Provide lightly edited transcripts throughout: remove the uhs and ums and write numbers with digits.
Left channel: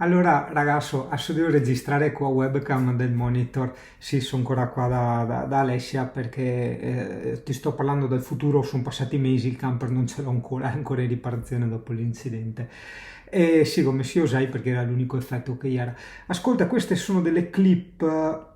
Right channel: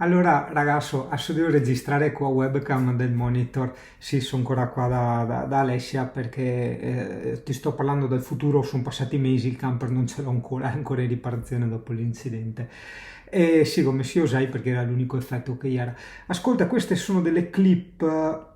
Allora, ragazzo, adesso devo registrare qua webcam del monitor. Sì, sono ancora qua da Alessia perché ti sto parlando del futuro. Sono passati mesi, il camper non ce l'ho ancora, è ancora in riparazione dopo l'incidente. E sì, come si usai perché era l'unico effetto che era. Ascolta, queste sono delle clip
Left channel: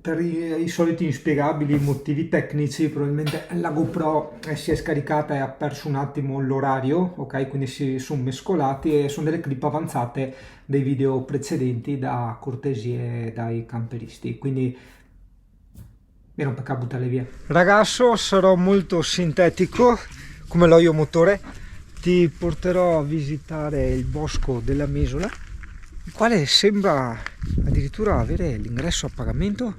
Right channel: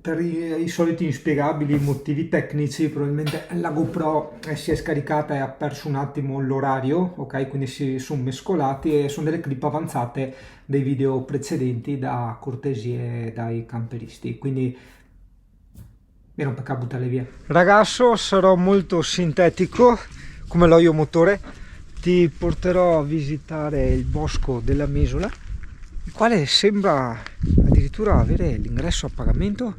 per i soliti inspiegabili motivi tecnici. Probabilmente la GoPro si è scaricata e ha perso un attimo l'orario, ok? Quindi si sono mescolati e sono delle clip avanzate dei video precedenti da cortesie dai camperisti. Quindi mi rompe a buttarle via. Ragazzo, sarò molto sintetico come l'olio motore. Ti porterò a visitare il bosco della Mesola, il quale sembra addirittura avere l'ingresso a pagamento.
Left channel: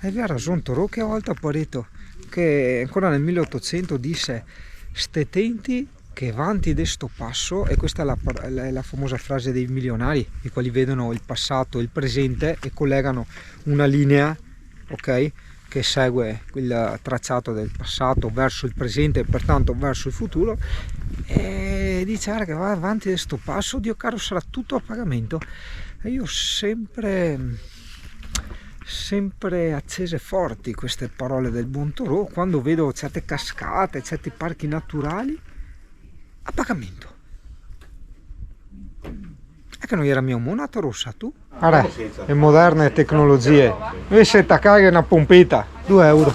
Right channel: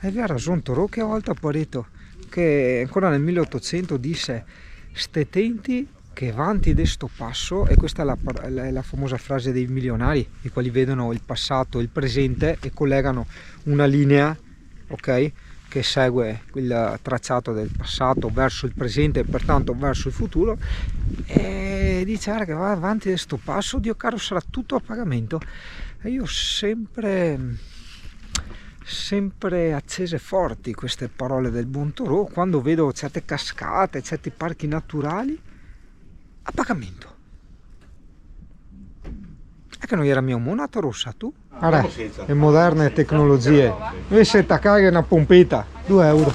E aveva ragione Torò che a volta Pareto, che ancora nel 1800 disse ste tenti che avanti de sto passo, e questa è la famosa frase dei milionari, i quali vedono il passato e il presente e collegano una linea, ok, che segue il tracciato del passato verso il presente e pertanto verso il futuro, e dice guarda che va avanti questo passo, Dio caro, sarà tutto a pagamento. E io sempre accese forti queste parole del buon Torò quando vedo certe cascate, certi parchi naturali a pagamento. È che non era mia monata rossa tu? Guarda, le moderne tecnologie. Invece attaccare una pompetta, 2 euro.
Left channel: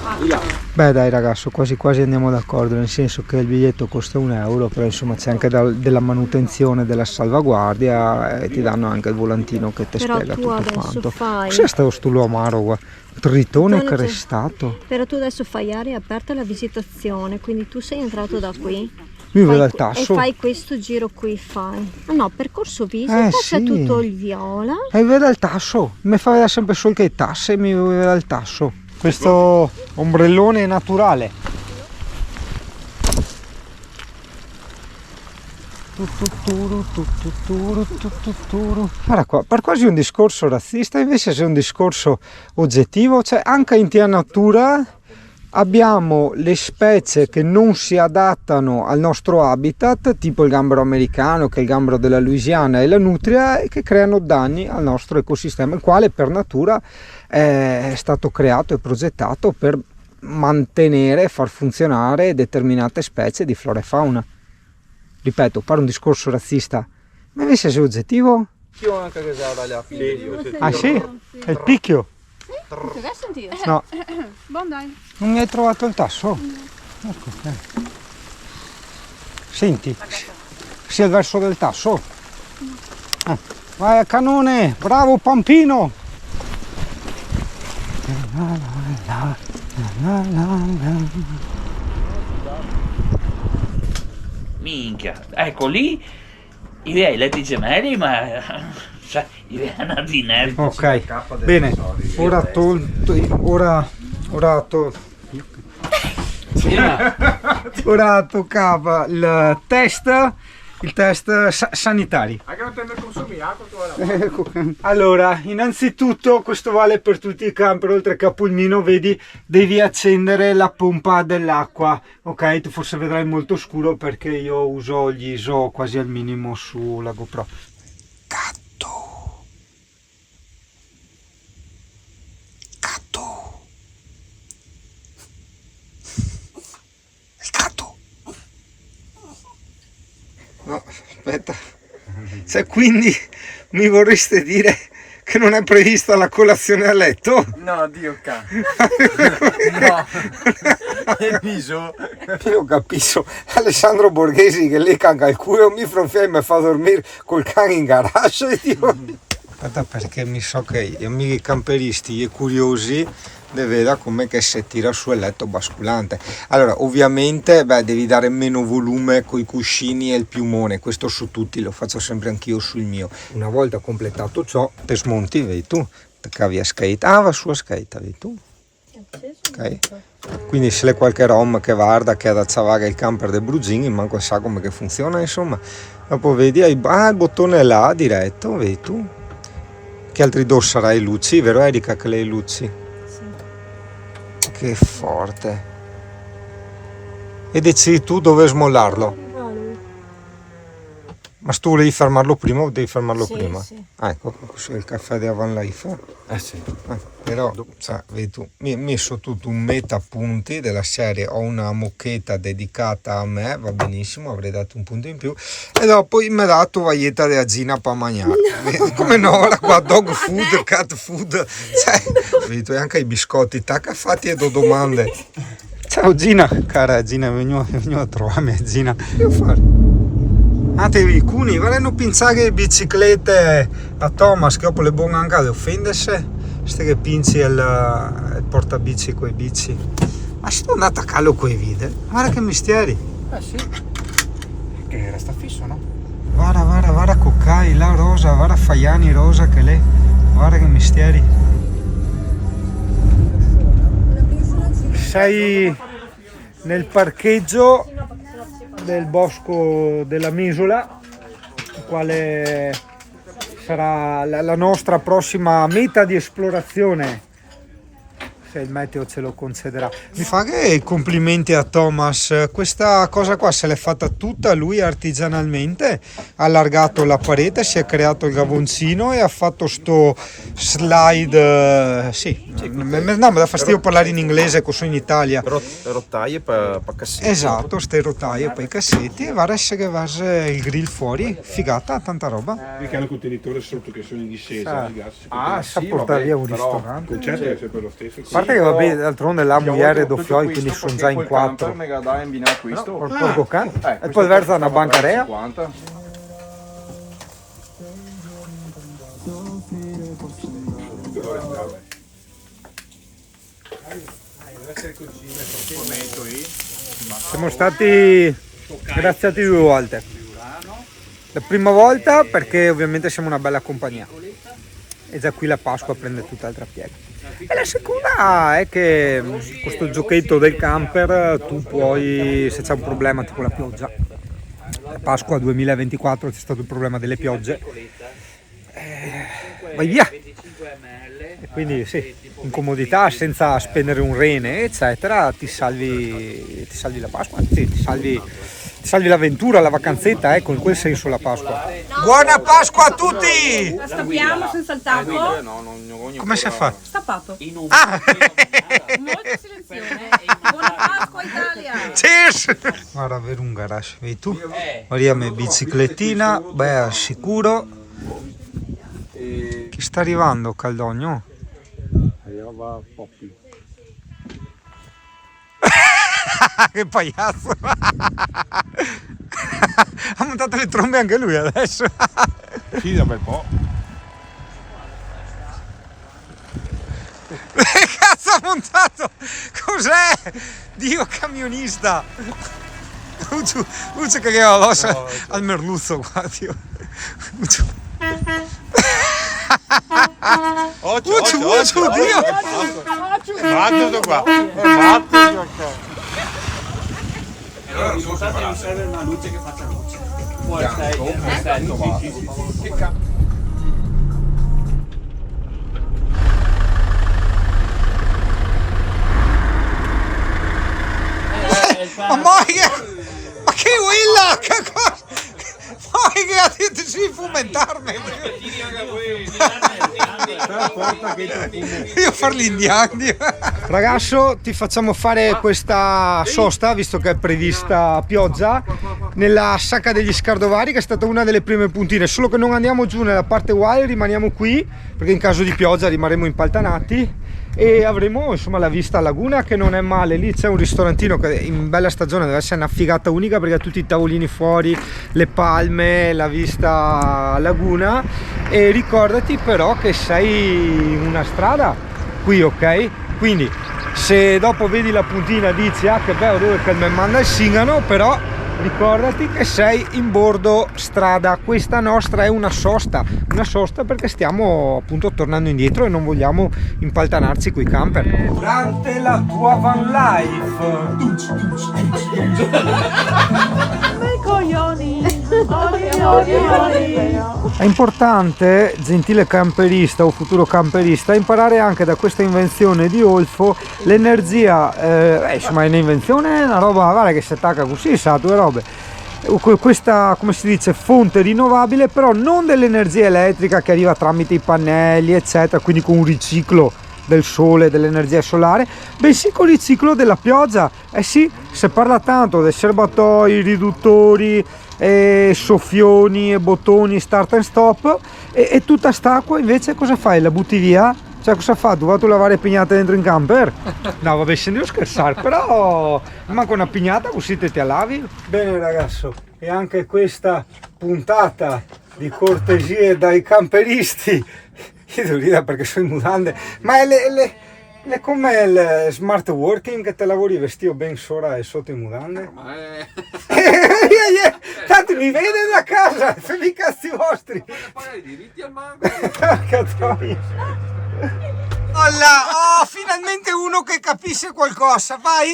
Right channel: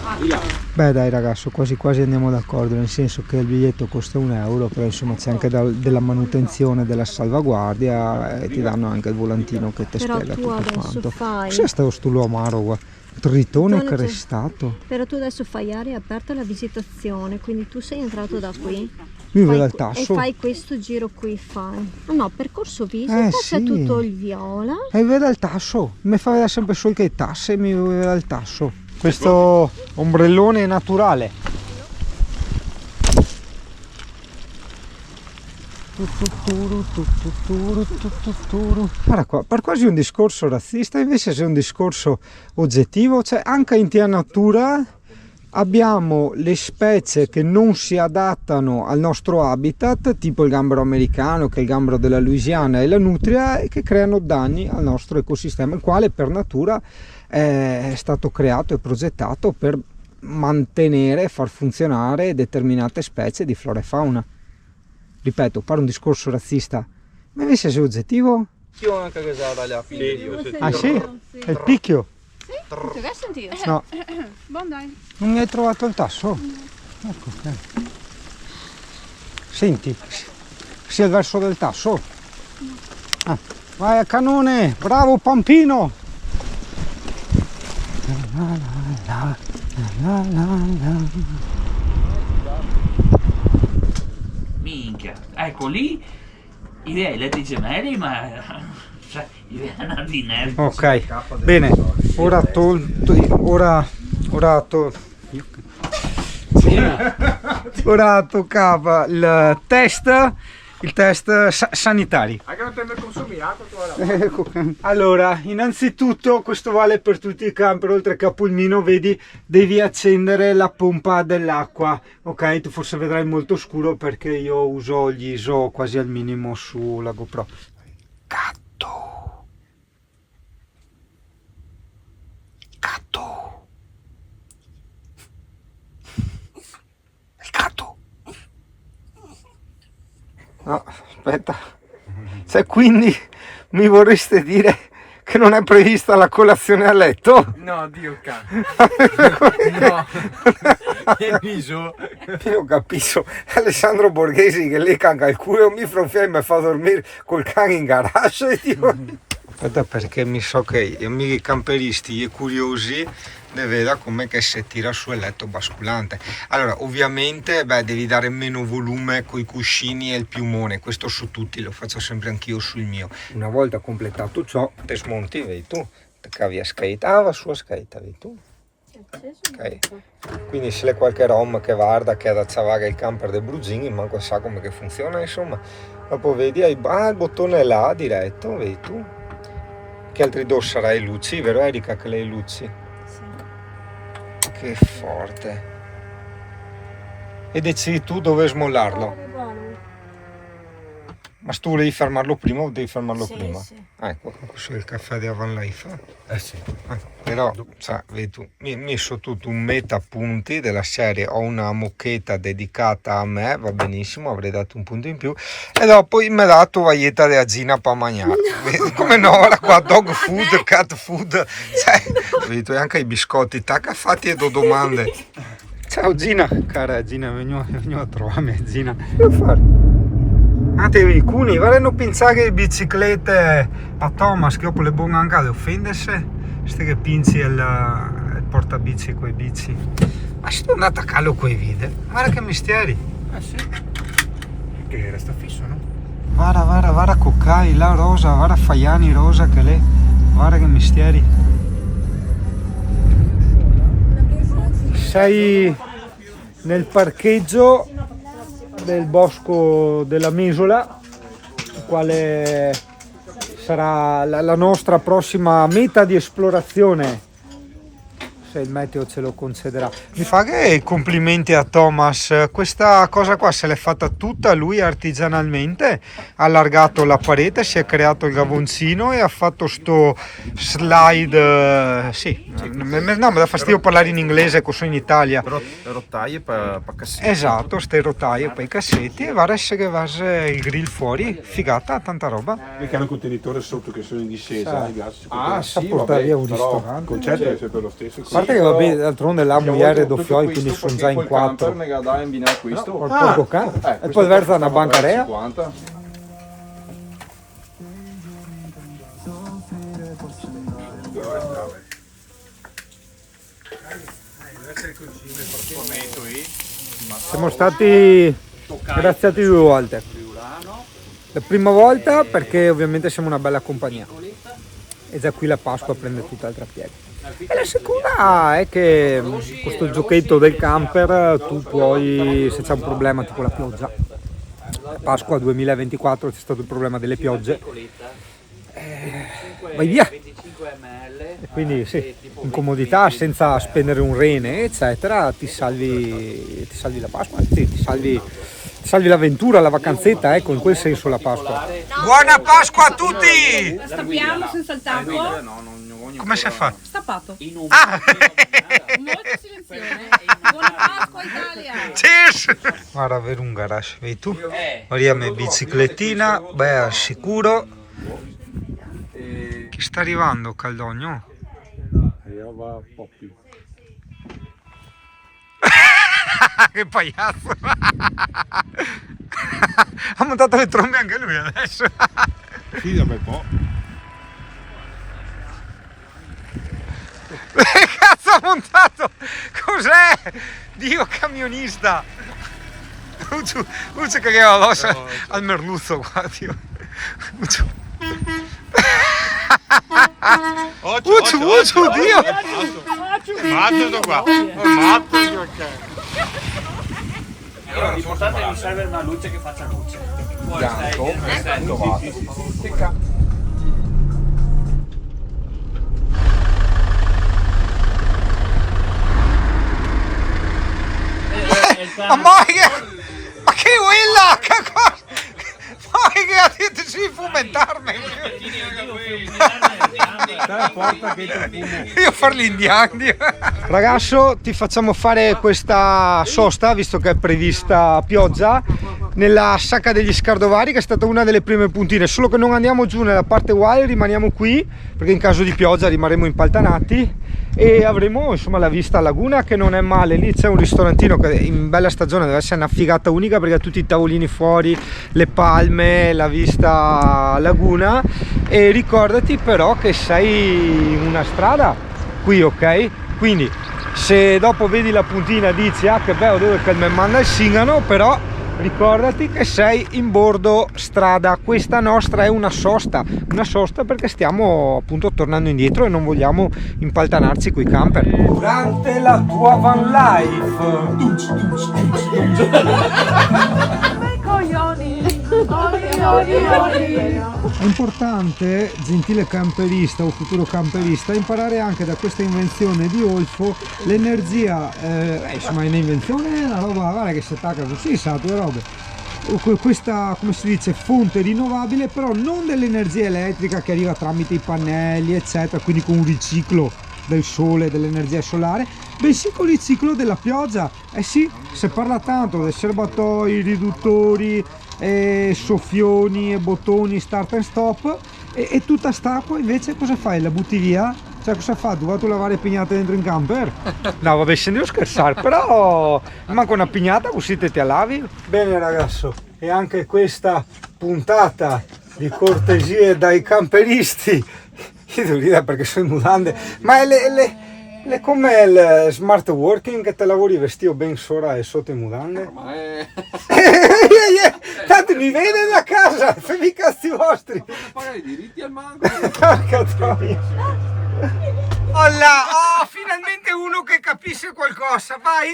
Beh dai ragazzo, quasi quasi andiamo d'accordo, nel senso che il biglietto costa 1 euro, però insomma c'è anche della manutenzione, della salvaguardia, e ti danno anche il volantino che ti spiega tutto quanto. Cos'è sto amaro qua? Tritone crestato. Però tu adesso fai area aperta alla visitazione, quindi tu sei entrato da qui. Lui vede il tasso. E fai questo giro qui, fai. Ah no, percorso visita, c'è sì. tutto il viola. E vede il tasso, mi fa vedere sempre solo che i tasse, mi vede il tasso. Questo ombrellone naturale. Guarda qua, per quasi un discorso razzista, invece c'è un discorso oggettivo, cioè anche in tia natura abbiamo le specie che non si adattano al nostro habitat, tipo il gambero americano, che è il gambero della Louisiana, e la nutria, e che creano danni al nostro ecosistema, il quale per natura è stato creato e progettato per mantenere e far funzionare determinate specie di flora e fauna. Ripeto, fare un discorso razzista, ma invece sei oggettivo? Sì. Ah sì? È il picchio? Non ti vai a sentire? No. Buon dai. Non mi hai trovato il tasso? Ecco, Senti, sia il verso del tasso. Ah, vai a canone, bravo Pampino. Minchia, ecco lì i miei letti gemelli, ma cioè i venerdì nervi. Ok, bene, ora toccava il test sanitario. Allora, innanzitutto questo vale per tutti i camper, oltre che a Pulmino, vedi, devi accendere la pompa dell'acqua, ok? Tu forse vedrai molto scuro perché io uso gli ISO quasi al minimo sulla GoPro. Gatto. Il gatto. No, aspetta. Cioè, quindi mi vorreste dire che non è prevista la colazione a letto? No, Dio cane. No, che viso. Io capisco Alessandro Borghesi che lei canga il culo, mi fronfia e mi fa dormire col cane in garage. Aspetta, perché mi so che gli amici camperisti e curiosi ne veda come che si tira su il letto basculante. Allora, ovviamente, devi dare meno volume coi cuscini e il piumone, questo su tutti, lo faccio sempre anch'io sul mio. Una volta completato ciò, te smonti, vedi tu, te cavi a skate, va su a skate, vedi tu. Okay. Quindi se c'è qualche rom che guarda che è da Zavaga il camper del Brugini, manco sa come che funziona, insomma. Dopo vedi, il bottone là diretto, vedi tu. Che altri dos sarai luci, vero Erika che lei luci? Sì. Che forte. E decidi tu dove smollarlo. Ma tu volevi fermarlo prima o devi fermarlo Sì, prima? sì. Ecco, questo è il caffè di Van Life. Sì. Però, sai, vedi tu, mi hai messo tutto un meta punti della serie, ho una mucchetta dedicata a me, va benissimo, avrei dato un punto in più, e dopo mi ha dato vaglietta di azzina per mangiare. Come no, ora qua, dog food, cat food, cioè, vedi tu, anche i biscotti, tacca fatti e do domande. Ciao Gina, cara Gina, veniamo a trovarmi Gina. Che devo fare? Ah, devi cuni, vorranno pensare le biciclette a Thomas, che dopo le buone anche le offendersi, ste che pinci il portabici coi bici. Ma se non andate a callo coi video, guarda che mestieri. Sì. Che resta fisso, no? Guarda Coccai, la rosa, guarda Faiani rosa che lei, guarda che mestieri. Sei nel parcheggio del bosco della Mesola, il quale sarà la nostra prossima meta di esplorazione, se il meteo ce lo concederà. Mi fa che complimenti a Thomas, questa cosa qua se l'è fatta tutta lui artigianalmente, ha allargato la parete, si è creato il gavoncino e ha fatto sto slide, sì, no, mi dà fastidio parlare in inglese, che sono in Italia. Rotaie per cassetti. Esatto, ste rotaie per i cassetti e va a essere che va il grill fuori, figata, tanta roba. Che hanno un contenitore sotto che sono in discesa. Sa portare via un ristorante. Il concetto è sempre lo stesso. A parte che vabbè, d'altronde la moglie doppioi, quindi sono già in 4. Questo? Porco cane. E poi versa una bancarea. 50. Siamo stati graziati 2 volte. La prima volta perché ovviamente siamo una bella compagnia e già qui la Pasqua prende tutt'altra piega. E la seconda è che questo giochetto del camper tu puoi, se c'è un problema tipo la pioggia, Pasqua 2024 c'è stato il problema delle piogge, vai via. E quindi sì, in comodità, senza spendere un rene eccetera, ti salvi la Pasqua, sì, ti salvi l'avventura, la vacanzetta, ecco, in quel senso la Pasqua. Buona Pasqua a tutti! La stappiamo senza il tappo. Come si fa? Stappato. Ah! Molto silenzioso. Buona Pasqua Italia. Cheers! Guarda, avere un garage, vedi tu? Guardiamo biciclettina, beh, al sicuro. Chi sta arrivando, Caldogno? Arriva Poppy. Che pagliazzo! Ha montato le trombe anche lui adesso. Sì, da un bel po'. Che cazzo ha montato? Cos'è? Dio camionista! Uccio che aveva l'ossa al merluzzo qua, Dio. Uccio, Dio! L'importante è non serve una luce che faccia luce. Ma che quella? Che cosa? Ma che ha detto di fomentarmi? Io far l'indiano. Ragazzo, ti facciamo fare questa sosta, visto che è prevista pioggia, nella Sacca degli Scardovari, che è stata una delle prime puntine, solo che non andiamo giù nella parte wild, rimaniamo qui, perché in caso di pioggia rimarremo impaltanati e avremo insomma la vista a laguna, che non è male. Lì c'è un ristorantino che in bella stagione deve essere una figata unica, perché ha tutti i tavolini fuori, le palme, la vista a laguna. E ricordati però che sei in una strada qui, ok? Quindi se dopo vedi la puntina dici ah che bello, dove che mi manda il Singano, però ricordati che sei in bordo strada. Questa nostra è una sosta perché stiamo appunto tornando indietro e non vogliamo impaltanarci coi camper. Durante la tua van life è importante, gentile camperista o futuro camperista, imparare anche da questa invenzione di Olfo l'energia, insomma è un'invenzione, è una roba guarda, che si attacca così, sa, due robe. questa, come si dice, fonte rinnovabile, però non dell'energia elettrica che arriva tramite i pannelli eccetera, quindi con un riciclo del sole, dell'energia solare, bensì con il riciclo della pioggia. Eh sì, si parla tanto dei serbatoi, riduttori, soffioni, bottoni, start and stop, e tutta st'acqua invece cosa fai? La butti via? Cioè, cosa fa? Tu vado a lavare pignate dentro in camper? No, vabbè, scendevo a scherzare, però manco una pignata così te la lavi. Bene ragazzo, e anche questa puntata di cortesie dai camperisti, io devo ridere perché sono in mutande, ma è come il smart working che te lavori vestito ben sopra e sotto in mutande? Tanto mi vede da casa, fai i cazzi vostri! Pagare i diritti al manco. Porca troia! Oh, finalmente uno che capisce qualcosa, vai!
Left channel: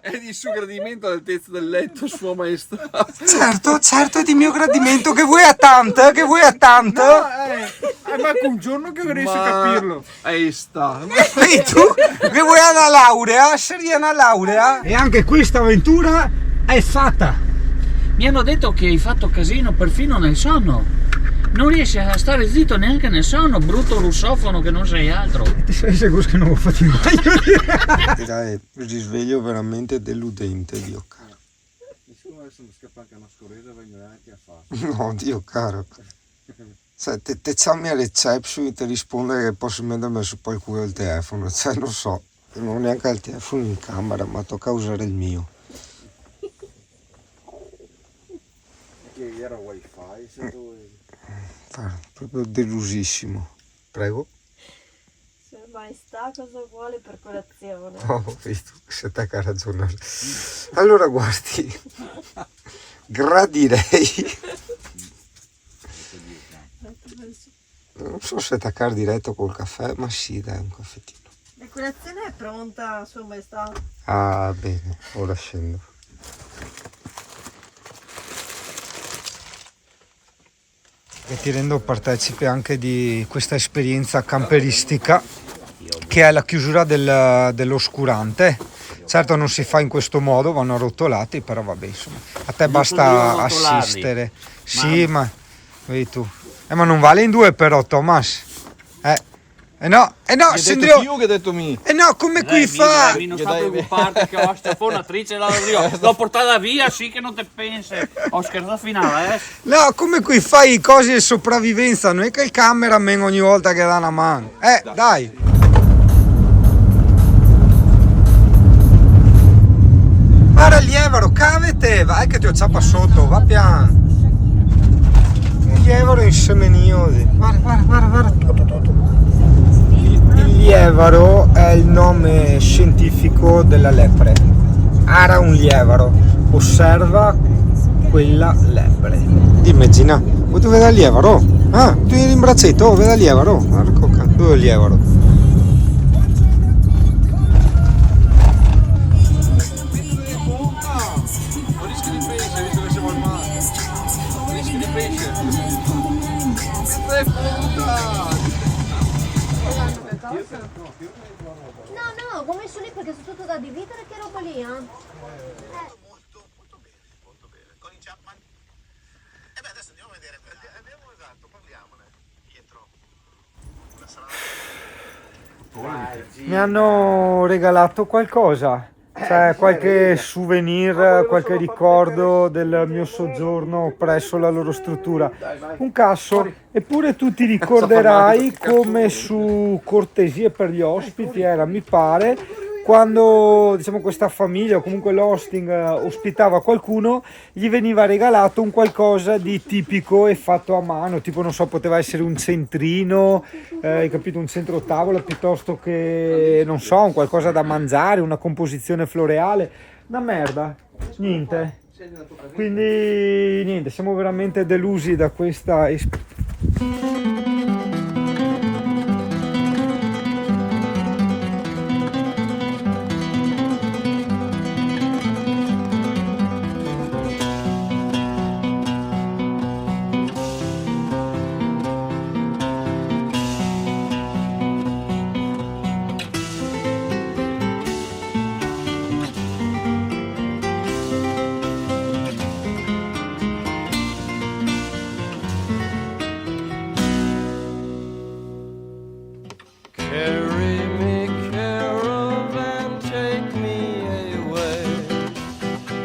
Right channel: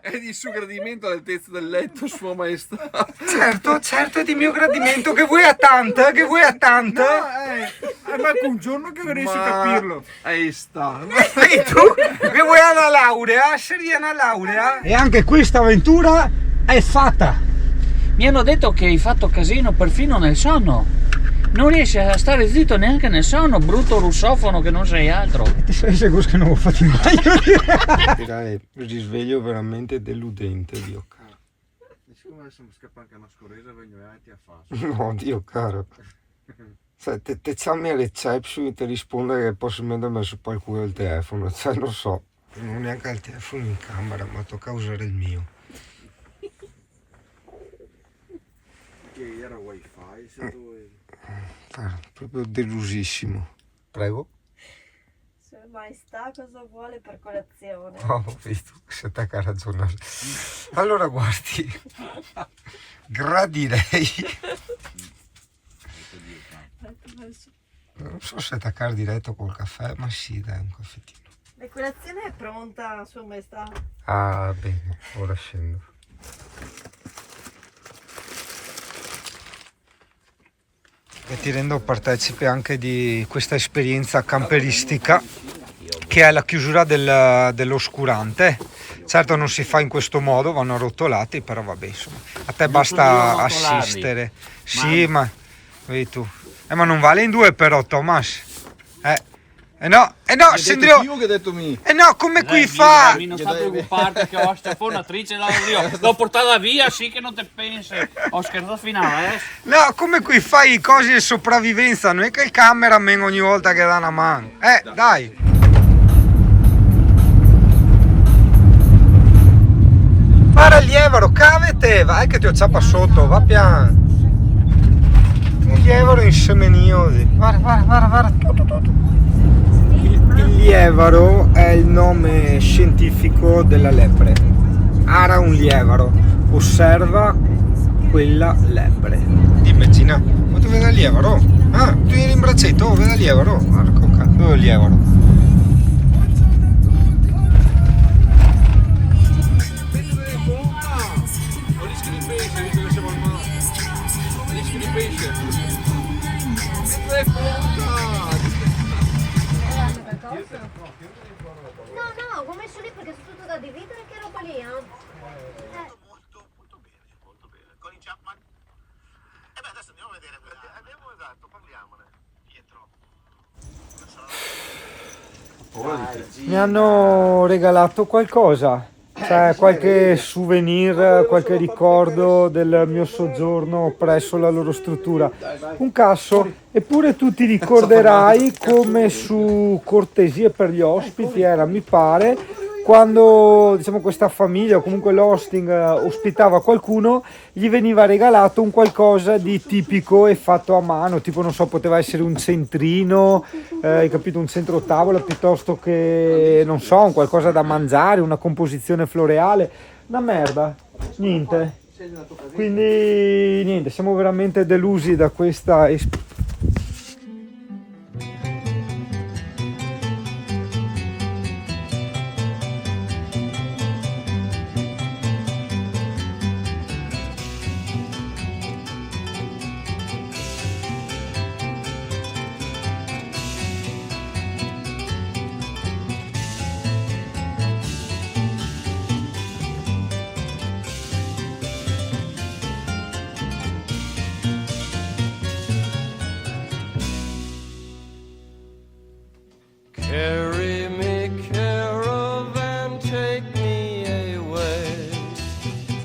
È di suo gradimento all'altezza del letto, sua maestà. Certo, è di mio gradimento, che vuoi a tanto? Ma un giorno che riesci a capirlo. Ahí sta. E tu? Che vuoi una laurea? Seria una laurea? E anche questa avventura è fatta! Mi hanno detto che hai fatto casino perfino nel sonno. Non riesci a stare zitto neanche nel sonno, brutto russofono che non sei altro. Ti sei sicuro che non ho fatto mai? Direi risveglio veramente deludente, Dio caro. Nessuno adesso mi scappa anche una scorresa e vengo avanti a fare. No, Dio caro. Cioè, te chiami a reception e ti risponde che posso mettermi su qualcuno il telefono. Cioè, lo so, non ho neanche il telefono in camera, ma tocca usare il mio. Che era wifi, se tu... Proprio delusissimo. Prego. Se maestà cosa vuole per colazione? Oh, visto, se te che ha ragione. Allora guardi, gradirei. Non so se attaccare diretto col caffè, ma sì, dai, un caffettino. La colazione è pronta, sua maestà. Ah, bene, ora scendo. E ti rendo partecipe anche di questa esperienza camperistica che è la chiusura dell'oscurante. Certo non si fa in questo modo, vanno arrotolati, però vabbè, insomma, a te basta assistere. Sì, ma vedi tu. Ma non vale in due però, Thomas. No, scenderò. Io che hai detto mi. No, come qui fa? Non sta preoccupare che ho sta fonatrice l'ho portata via, sì che non te pensi. Ho scherzato finale, No, come qui fai i cosi di sopravvivenza, non è che il cameraman ogni volta che dà una mano. Dai. Guarda il lievaro, cavete, vai che ti ho ciappa sotto, va piano. Il lievaro in semenio. Guarda. Il lievaro è il nome scientifico della lepre. Ara un lievaro, osserva quella lepre. Immagina, vuoi dove è il lievaro? Ah, tu eri in braccetto, dove è il lievaro? Guarda, dove è il lievaro? No, come messo lì perché sono tutto da dividere, che roba lì, Molto bene. Colin Chapman? Adesso andiamo a vedere. Abbiamo parliamone, Pietro. Mi hanno regalato qualcosa, cioè qualche souvenir, qualche ricordo del mio soggiorno presso la loro struttura. Un casso, eppure tu ti ricorderai come su Cortesie per gli ospiti era, mi pare, quando diciamo questa famiglia o comunque l'hosting ospitava qualcuno, gli veniva regalato un qualcosa di tipico e fatto a mano, tipo non so, poteva essere un centrino, hai capito, un centro tavola, piuttosto che non so, un qualcosa da mangiare, una composizione floreale, una merda, niente. Quindi niente, siamo veramente delusi da questa esperienza. Carry me, caravan, take me away.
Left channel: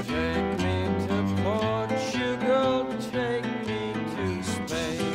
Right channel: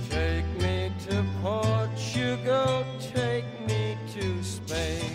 Take me to Portugal, take me to Spain.